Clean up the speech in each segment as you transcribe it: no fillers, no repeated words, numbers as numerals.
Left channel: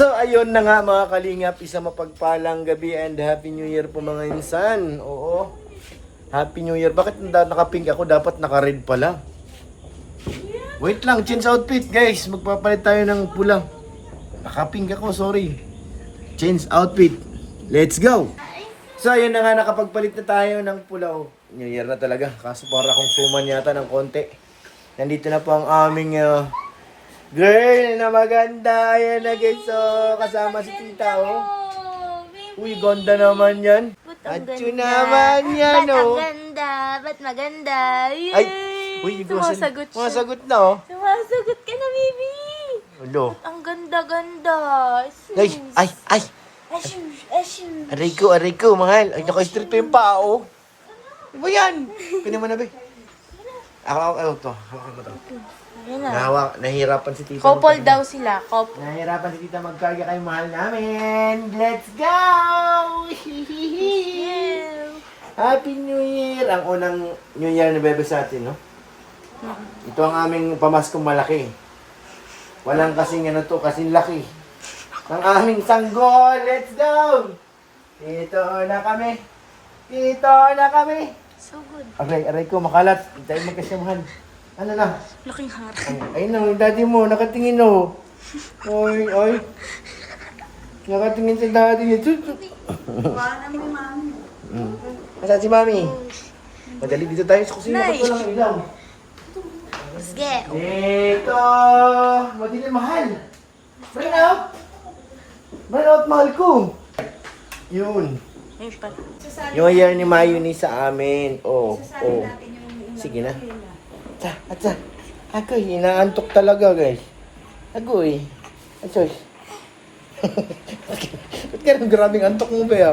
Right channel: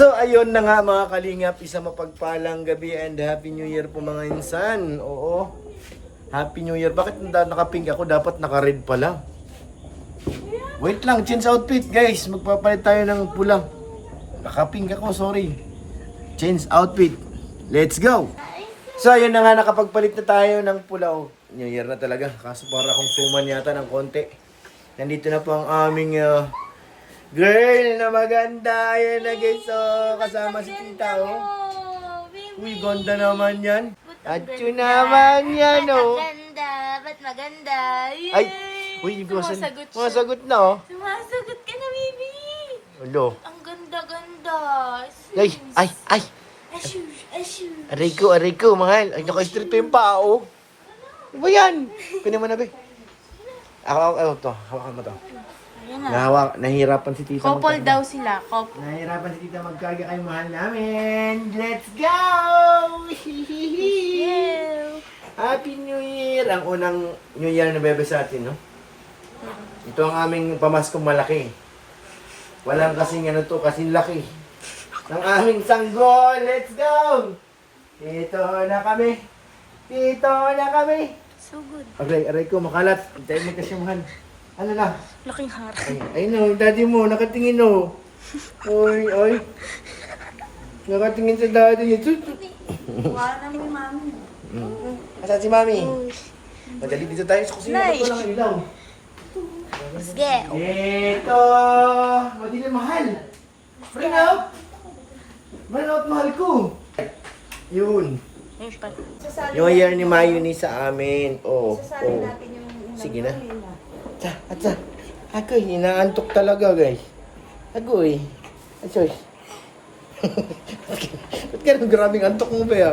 So, ayun na nga mga kalingap, isa mapagpalang gabi and Happy New Year po mga insan. Oo, Happy New Year. Bakit naka-pink ako? Dapat naka-red pala. Wait lang, change outfit guys. Magpapalit tayo ng pula. Naka-pink ako, sorry. Change outfit. Let's go! So, ayun na nga, nakapagpalit na tayo ng pula. Oh, New Year na talaga. Kaso para akong suman yata ng konti. Nandito na po ang aming girl na maganda. Ayan na guys. So, kasama si tita. Oh. Uy, ganda naman yan. Atyo naman yan. Oh. Ba't maganda? Yay! Ay, uy, mga sagot na oh. Sumasagot ka na, baby! Ulo. Ang ganda-ganda. Ay, ay. Aray ko, mahal. Ay, naka-street pa yung paa, oh. Ano ba yan? Kunin mo na, be. Ako, to. Hawakan mo to. Nahihirapan si tita. Couple daw sila. Couple. Nahihirapan si tita magkarga kayo, mahal namin. Let's go! Yeah. Happy New Year! Ang unang New Year na bebe sa atin, no? Ito ang aming pamaskong malaki. Walang kasing ano to, kasing laki. Ang aming sanggol! Let's go! Dito na kami. So good. Aray ko, makalat. Hintayin mo kasi, mahal. Ano na? Laking heart. Ayun na, yung daddy mo, nakatingin o. Oy. Nakatingin si daddy niya. Wala namang mami. Nasaan si mami? Madali dito tayo sa kusina. Nay. Ito lang ilaw. Sige. Ito! Madali, mahal. Bring out, mahal ko. Yun. Yung year ni Mayuni sa amin. Oh. Sige na. Atsa. Agoy, inaantok talaga, guys. Agoy. Atsoy. Ba't ka nang grabing antok mo ba ya?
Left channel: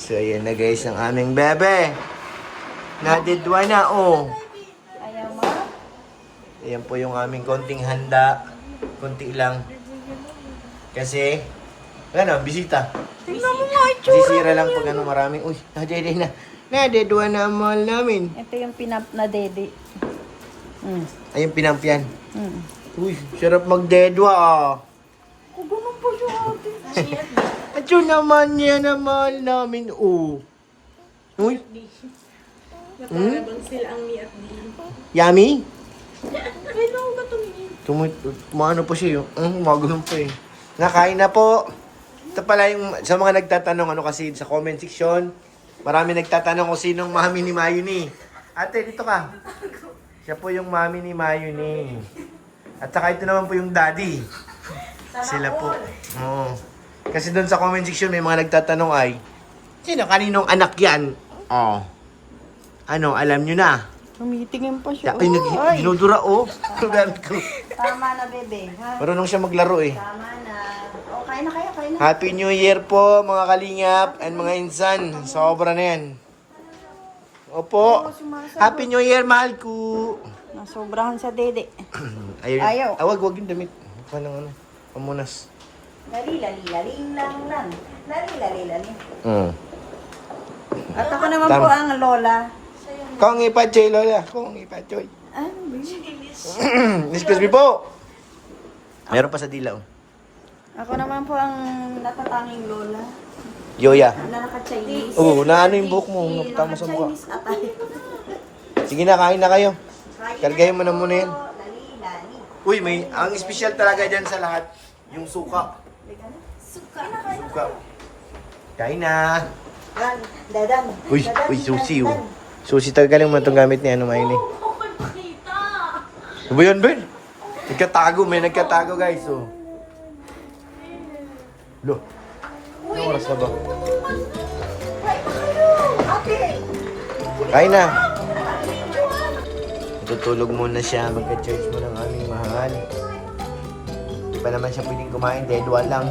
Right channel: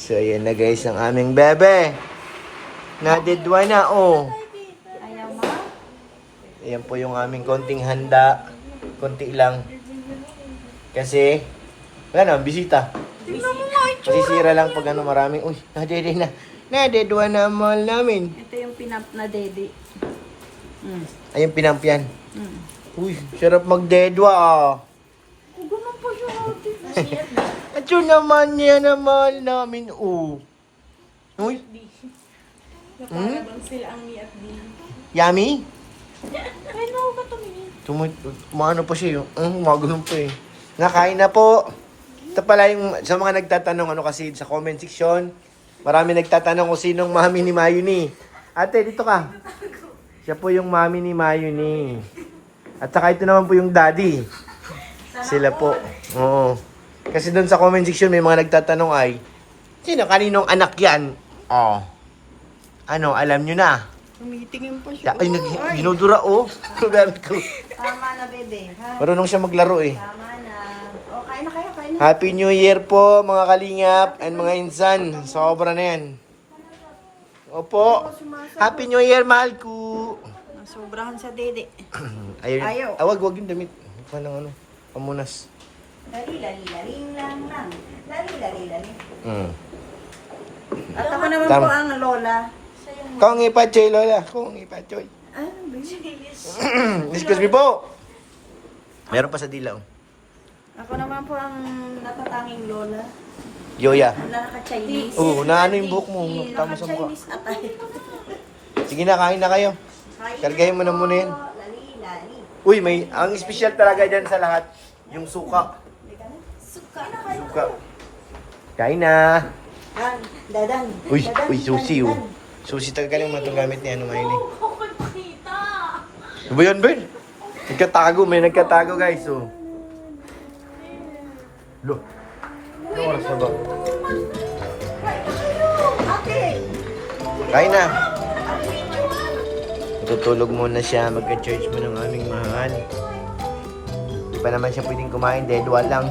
So, ayan na guys, ang aming bebe. Nadidwa na, oh. Ayaw mo? Ayan po yung aming konting handa. Konti lang. Kasi, wala na, bisita. Tingnan mo nga ito. Masisira lang pag ano maraming, uy, nadede na. Nadedwa na ang mahal namin. Ito yung pinap na dede. Ayun, pinampyan. Uy, sarap magdedwa ah. Kugunan po siya ate. At yun naman yan ang mahal namin, oh. Uy. Yummy? Maano pa siya yun. Magulang pa eh. Nakain na po. Ito pala yung sa mga nagtatanong ano kasi sa comment section. Marami nagtatanong kung sinong mami ni Mayuni. Ate, dito ka. Siya po yung mami ni Mayuni. At saka ito naman po yung daddy. Sila po. Oo. Kasi doon sa comment section may mga nagtatanong ay, kaninong anak yan? Oh. Ano, alam nyo na. Tumitingin pa siya. Ay, ginudura, oh. Tama na, bebe. Ha? Marunong siya maglaro, eh. Tama na. O, kain na kayo, kain na. Happy New Year po, mga kalingap and mga insan. Sobra na yan. Opo. Happy New Year, mahal ko. Nasobrahan sa dede. Ayun. Ayaw. Wag yung damit. Huwag ng ano, pamunas. Lali-lali-laling lang. Lali-lali-laling. At ako naman Tama. po ang lola. Kung ipachoy, Lola. Kung ipachoy. Ay, Excuse me po. Meron pa sa dilaw. ako naman po ang natatanging lola. Yoya. Nakaka-Chinese. Oo, na ano yung buhok mo. Tama sa mukha. Chinese atay. Sige na, kain na kayo. Kargahin mo na muna yan. Lali-lali. Uy, ang special talaga dyan sa lahat, yung suka. Suka. Kain na. Dadan. Uy, sushi oh. Sushi talaga lang mo itong gamit ni ano Mayuni. Ano ba yan, Ben? May nagkatago guys, oh. Lo. Anong oras na ba? Kain na. Matutulog muna siya, magka-charge mo ng aming mahal. Hindi pa naman siya pwedeng kumain, dedwa lang.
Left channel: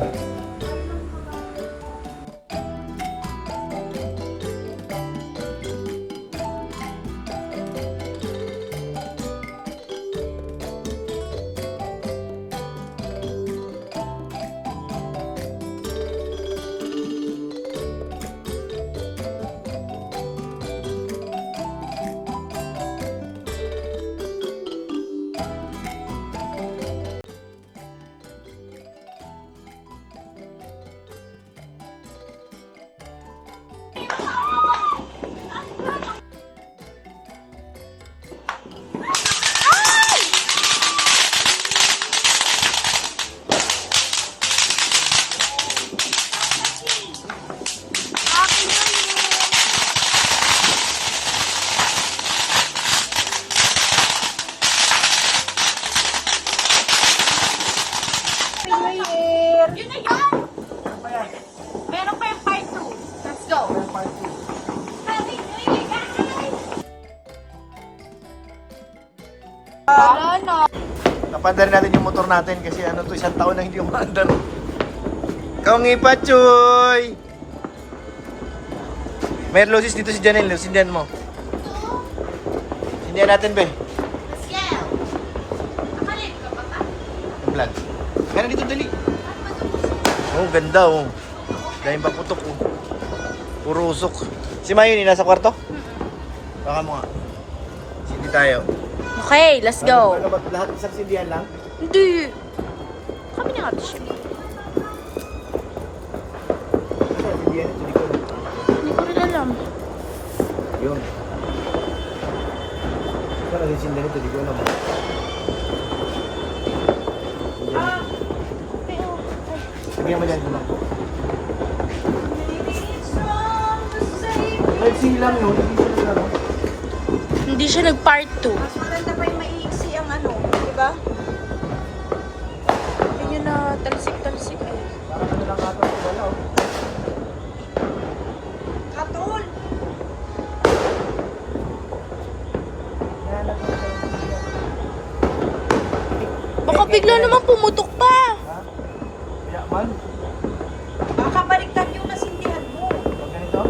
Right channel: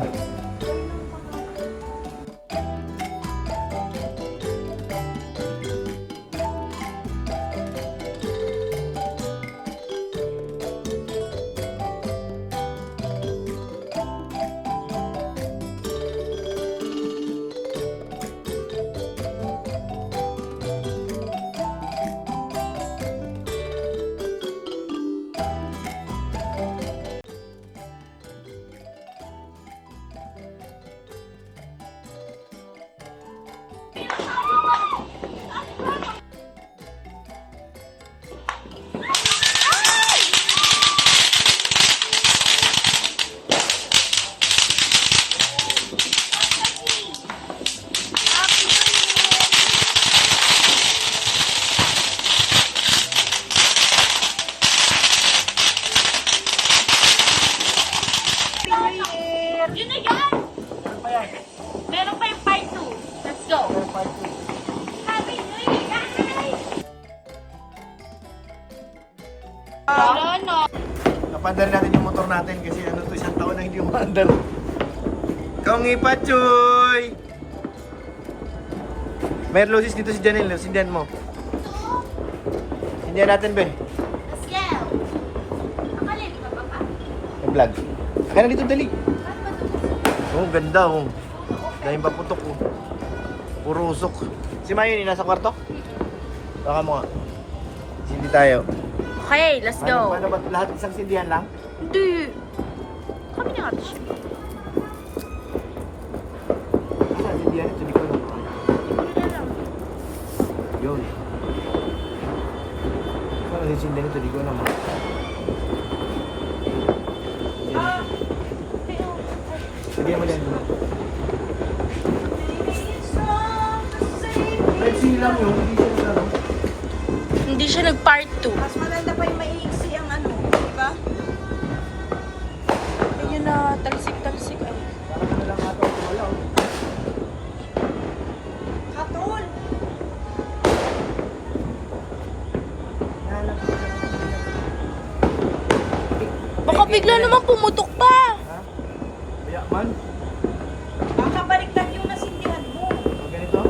Yun na yun! Meron pa yung part 2. Let's go! Happy New Year, guys! Wala na. Napadar natin yung motor natin kasi ano to, isang taon na hindi umaandar. Kaungi pa, Chuy! May loses dito si Janelle, sindihan mo. Sindihan natin, be. Let's go! Nakalit ka pa ka? Vlog. Kaya dito, dali. Oh, ganda, oh. Dahil paputok, oh. Puro usok. Si Mayuni, nasa kwarto? Baka mo nga. Sindi tayo. Okay, let's go. Ano ba, lahat isang sindihan lang? Hindi. Kami na nga, Bishop. Ano, sindihan ito, di ko na. Hindi ko rin alam. Yun. Ito na sindihan ito, di ko na mo. Sindihan mo yan, diba? Kahit silang yun, hindi siya nagano. Hindi siya nag-part 2. Mas maganda pa yung maiiksi ang ano, di ba? Ganyan na, talsik-talsik. Ay. Parang ano lang ata, wala, oh. Katol! Baka bigla naman pumutok pa. Ha? Kaya man, Baka baliktad yung nasindihan mo. pag ganito,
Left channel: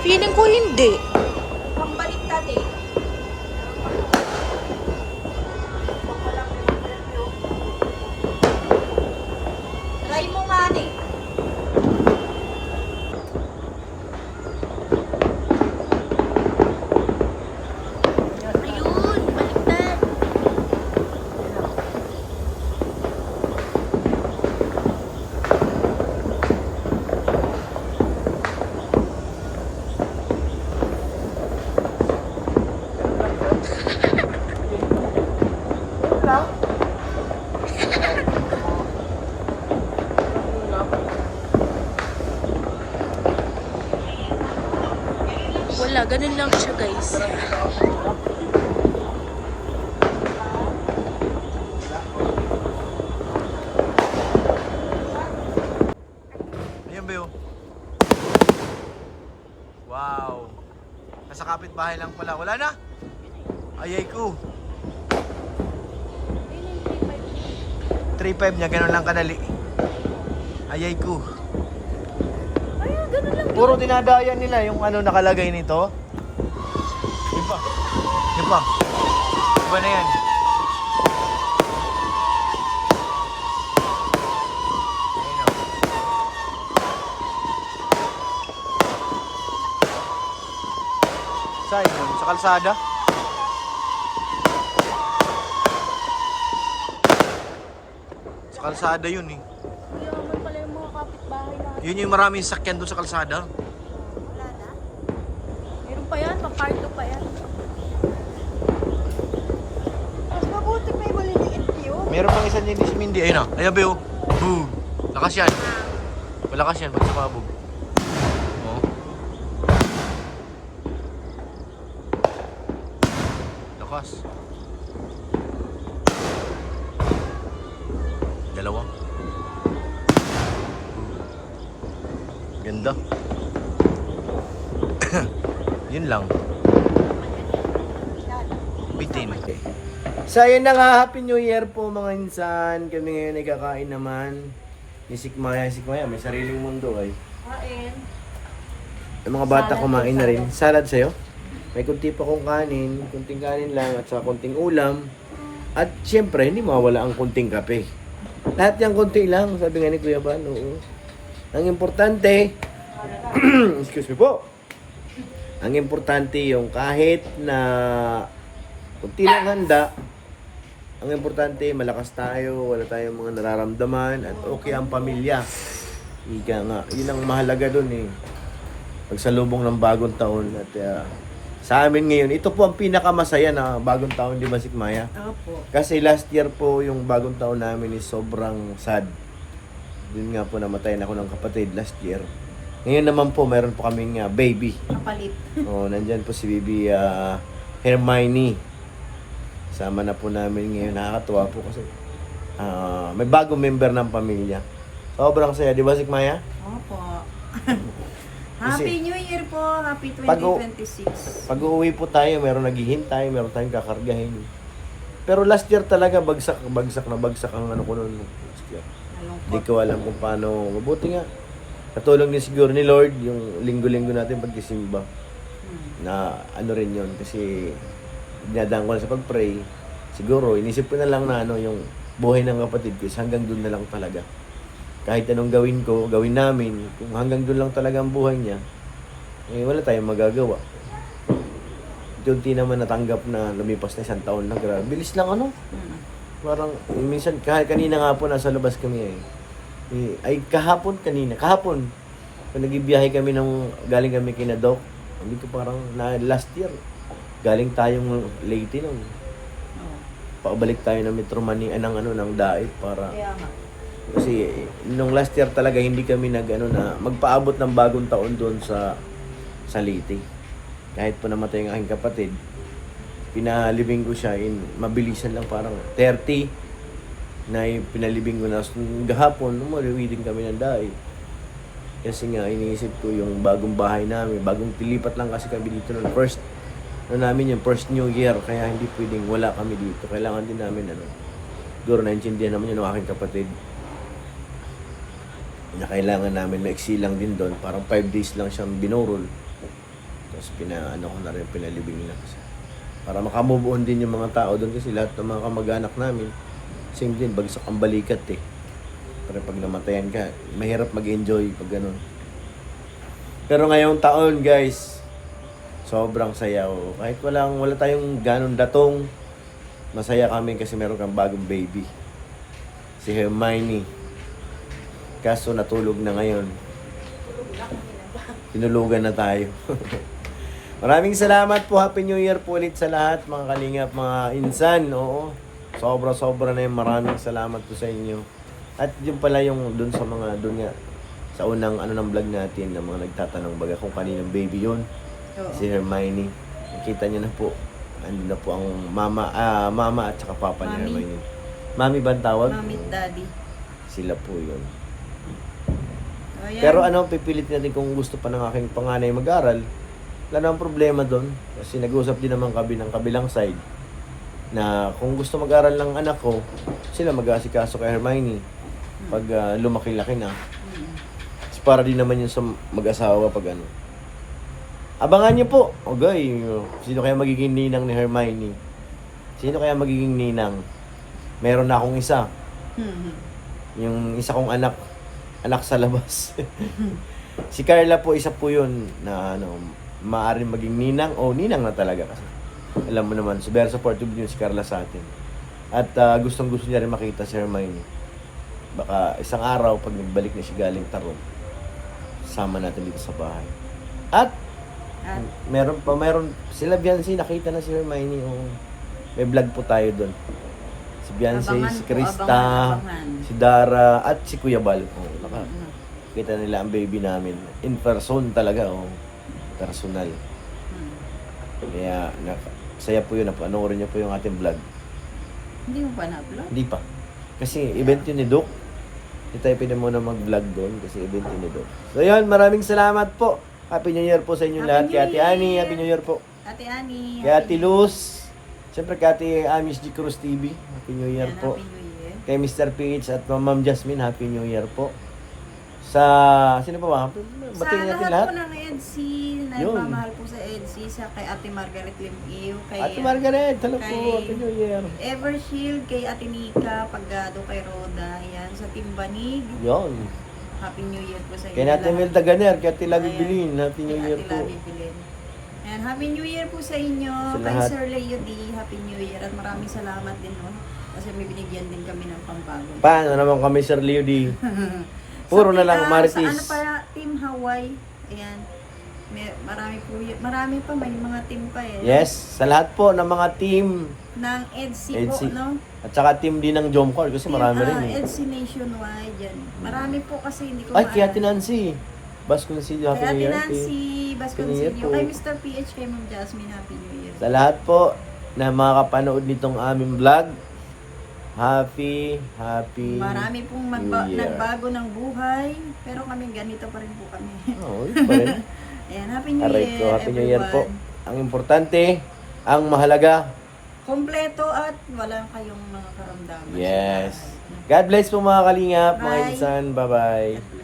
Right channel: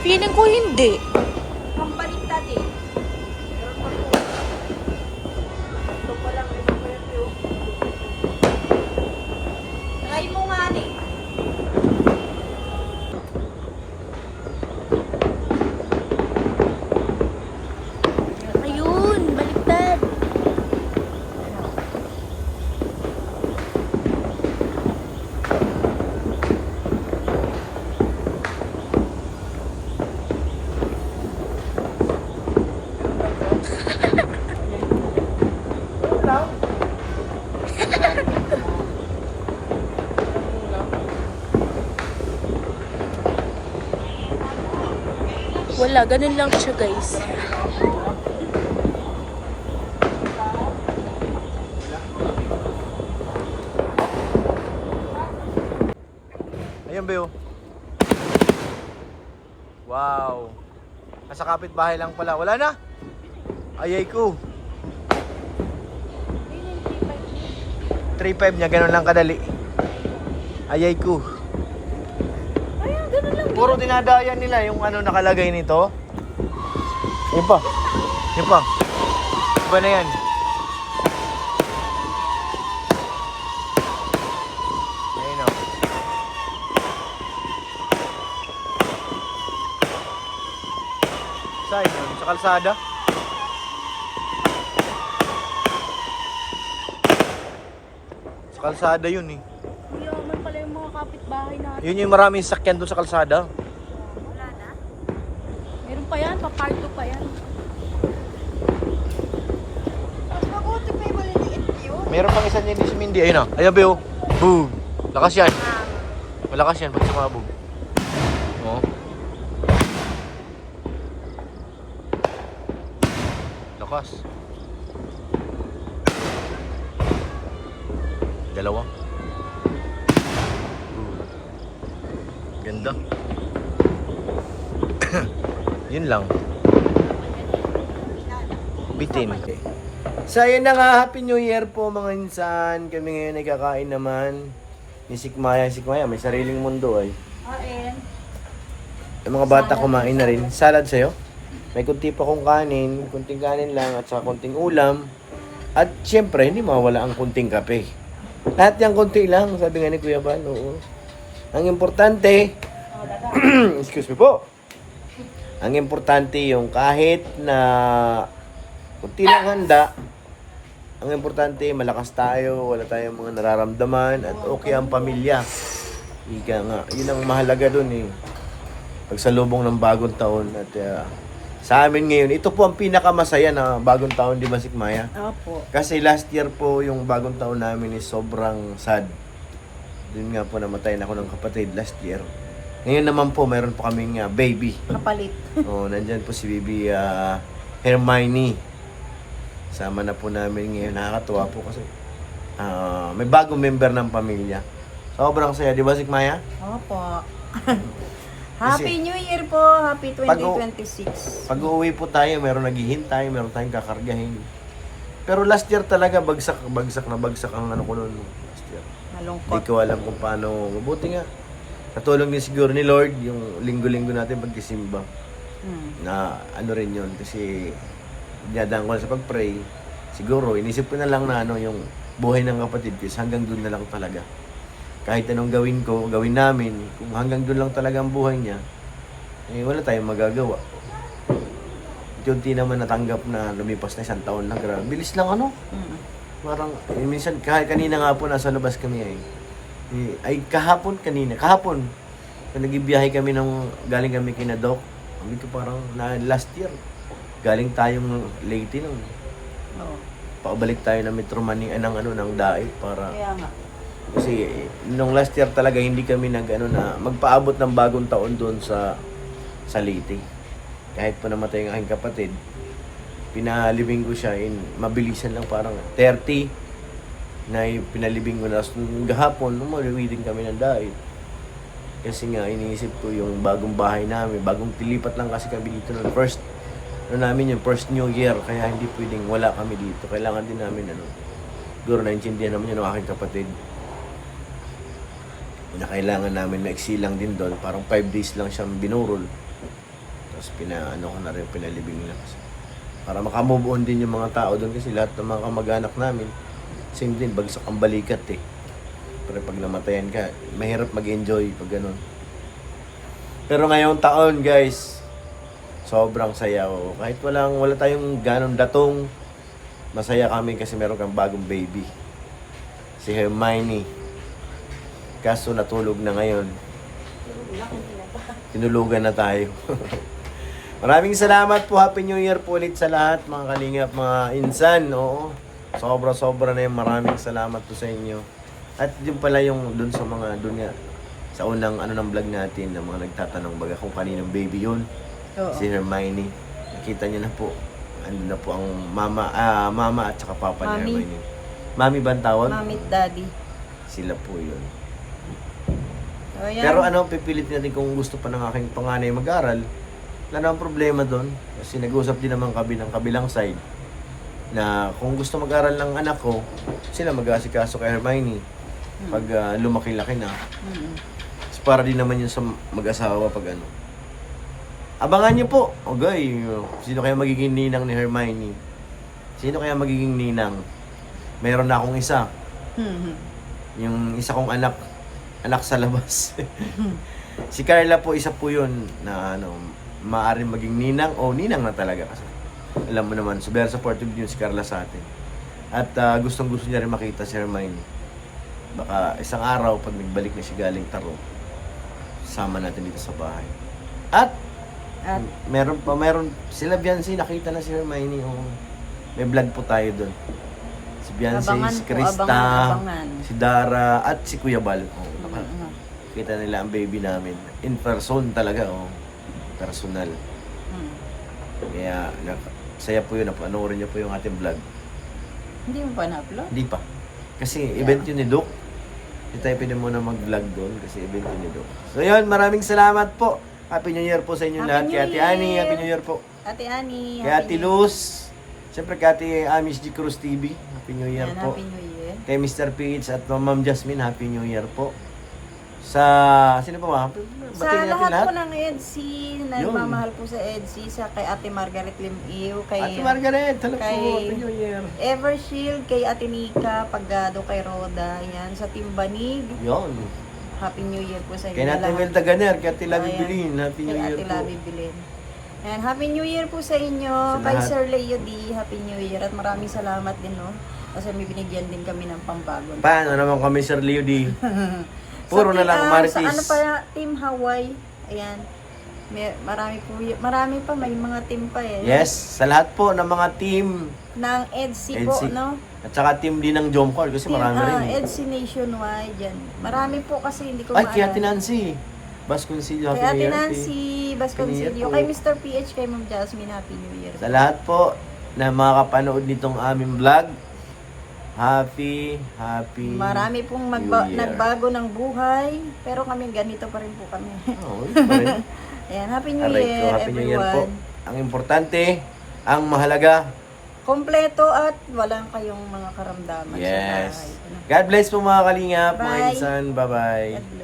Feeling ko hindi. Ang baliktad eh. ito pa lang, ito pa yan, oh. Try mo nga eh. Ayun, baliktad. Ganun lang. Ganun lang. Wala, ganun lang siya, guys. Ayun, Beo. Wow. Nasa kapitbahay lang pala. Wala na. Ayay ko. 3.5 niya, ganun lang kadali. Ayay ko. Puro dinadayan nila yung ano nakalagay nito. Yun pa. Yun pa. Iba na yan. Ayun o. Saan yun? Sa kalsada? Sa kalsada yun eh. Yung pala yung mga kapitbahay natin. Yun yung maraming sakyan doon sa kalsada. Wala na? Meron pa yan, pa-part 2 pa yan. Mas mabuti pa yung maliliit yun. Meron pang isa niya si Mindy. Ayun na. Ayun, Beo. Boom. Lakas yan. Malakas yan pag sumabog. Oh. Lakas. Dalawa. Boom. Ganda. Yun lang. Bitin. So ayun na nga, Happy New Year po mga insan. Kami ngayon ay kakain naman ni Sikmaya. Sikmaya, may sariling mundo ay. Kain. Yung mga bata kumain na rin. Salad sa'yo. May kunti pa kong kanin, kunting kanin lang at saka kunting ulam. At syempre, hindi mawala ang kunting kape. Lahat yung kunti lang, sabi nga ni Kuya Ban, oo. Ang importante, excuse me po. Ang importante yung kahit na kunti lang handa, ang importante malakas tayo, wala tayong mga nararamdaman at okay ang pamilya. Ika nga, yun ang mahalaga dun eh. Pagsalubong ng bagong taon at sa amin ngayon, ito po ang pinakamasaya na bagong taon, di ba, Sikmaya? Opo. Kasi last year po, yung bagong taon namin is sobrang sad. Doon nga po namatayan ako ng kapatid last year. Ngayon naman po, meron po kaming baby. Kapalit. Nandyan po si Bibi Hermione. Sama na po namin ngayon. Nakakatuwa po kasi may bagong member ng pamilya. Sobrang saya, di ba, Sikmaya? Opo. Kasi- Happy New Year po. Happy 2026. Pag uuwi po tayo, meron naghihintay, meron tayong kakargahin. Pero last year talaga, bagsak ang ano ko noon last year. Hindi Nalungkot. ko alam kung paano. Mabuti nga. Katulong din siguro ni Lord, yung linggo-linggo natin pagkisimba. Na ano rin yun. Kasi dinadaan ko na sa pag-pray. Siguro, inisip ko na lang na yung buhay ng kapatid ko is hanggang doon na lang talaga. Kahit anong gawin ko, gawin namin, kung hanggang doon lang talaga ang buhay niya, wala tayong magagawa. Unti naman natanggap na lumipas na 1 taon lang. Grabe. Bilis lang Parang, minsan, kahit kanina nga po, nasa labas kami kahapon, kung nagbibiyahe kami galing kami kina Doc, sabi ko parang last year, galing tayong Leyte nun. Oo. Paubalik tayo ng Metro Manila, ng Dait para... Kaya nga. Kasi nung last year talaga hindi kami na magpaabot ng bagong taon doon sa Leyte. Kahit po namatay ang aking kapatid, pinalibing ko siya mabilisan lang, parang 30 na pinalibing ko na gahapon, umuwi din kami ng Dait. Kasi nga iniisip ko yung bagong bahay namin, bagong tilipat lang kasi kami dito noon. First New Year, kaya hindi pwedeng wala kami dito. Kailangan din namin siguro naintindihan naman yun ng aking kapatid. Na kailangan namin maiksi lang din doon. Parang 5 days lang siyang binurol. Tapos pinalibing na kasi. Para makamove on din yung mga tao doon kasi lahat ng mga kamag-anak namin, same din, bagsak ang balikat Pero pag namatayan ka, mahirap mag-enjoy pag ganun. Pero ngayong taon, guys, sobrang saya. Kahit wala tayong ganun datong, masaya kami kasi meron kang bagong baby. Si Hermione. Kaso natulog na ngayon. Tinulugan na tayo. Maraming salamat po. Happy New Year po ulit sa lahat, mga kalingap, mga insan. Oo. Sobra na yung maraming salamat po sa inyo. At yun pala yung dun sa mga, dun nga, sa unang ng vlog natin, na mga nagtatanong baga kung kaninang baby yun. Oo. Si Hermione. Nakita niyo na po. Ano na po ang mama at saka papa ni Mami. Hermione. Mami ba ang tawag? Mami at daddy. Sila po yun. O, yan. Pero pipilit natin kung gusto pa ng aking panganay mag-aral. Wala namang problema doon. Kasi nag-usap din naman kami ng kabilang side na kung gusto mag-aral ng anak ko, sila mag-aasikaso kay Hermione pag lumaki-laki na. So, para din naman yun sa mag-asawa pag Abangan niyo po. Okay, sino kaya magiging ninang ni Hermione? Sino kaya magiging ninang? Meron na akong isa. Yung isa kong anak sa labas. Si Carla po, isa po yun na maaaring maging ninang o ninang na talaga kasi. Alam mo naman, very supportive din si Carla sa atin. At gustong-gusto niya rin makita si Hermione. Baka isang araw, pag nagbalik na siya galing Tarong, sama natin dito sa bahay. At meron sila Biancy, nakita na si Hermione. May vlog po tayo doon. Si Biancy, Abangan si po, Krista, abangan. si Dara, at si Kuya Bal. Kita nila ang baby namin. In person talaga, personal. Kaya, saya po yun. Napanoorin niyo po yung ating vlog. Hindi mo pa na-upload? Hindi pa. Kasi event yun ni Doc. Hindi tayo pwede muna mag-vlog doon kasi event yun ni Doc. So yun, maraming salamat po. Happy New Year po sa inyo lahat. Happy Kay New Ate Year. Annie, Happy New Year po. Ate Annie. Kay Ate Luz. Siyempre kay Ate Amis G. Cruz TV. Happy New Year po. Happy New Year. Kay Mr. PH at Ma'am Jasmine, Happy New Year po. Sa, sino pa ba? Sa Batiin natin lahat lahat. po ng EDC, Yun. nagmamahal po sa EDC, sa kay Ate Margaret Limiw, kay Ate Margaret, hello po. kay- Happy New Year. Evershield, kay Ate Nika, Pagado, kay Roda, yan, sa Timbanig. Yun. Happy New Year po sa inyo Kay Ate lahat. Mel Taganer, kay Ate Labi Ayan. Bilin, Happy New Kay Year Ate po. Labi Bilin. And Happy New Year po sa inyo, Sa kay lahat. Sir Leo D, Happy New Year. At maraming salamat din, no? Kasi may binigyan din kami ng pampagod. Paano naman kami, Sir Leo D? Puro na lang, Marites. Sa ano pa, Team Hawaii. Ayan. Marami pa, may mga team pa eh. Yes, sa lahat po ng mga team. Ng EDSI po, EDSI. no? At saka team din ng Jomcar kasi marami rin eh. EDSI Nationwide, yan. Marami po kasi hindi ko Ay, kaya maalala. Tinancy. Vasconcelio, Happy Kaya New Year. Nancy, Happy New Year Vasconcelio, po. kay Mr. PH, kay Ma'am Jasmine, Happy New Year. Sa lahat po na mga kapanood nitong aming vlog, Happy Marami pong New Year. nagbago ng buhay, pero kami ganito pa rin po kami. Oo, yun pa rin. Ayan, Happy New Aray Year, ko, Happy New Year po. everyone. Ang importante, ang mahalaga, Kompleto at walang kayong mga karamdaman. yes. sa bahay. God bless po mga kalingap, mga Bye. insan. Bye-bye. God bless.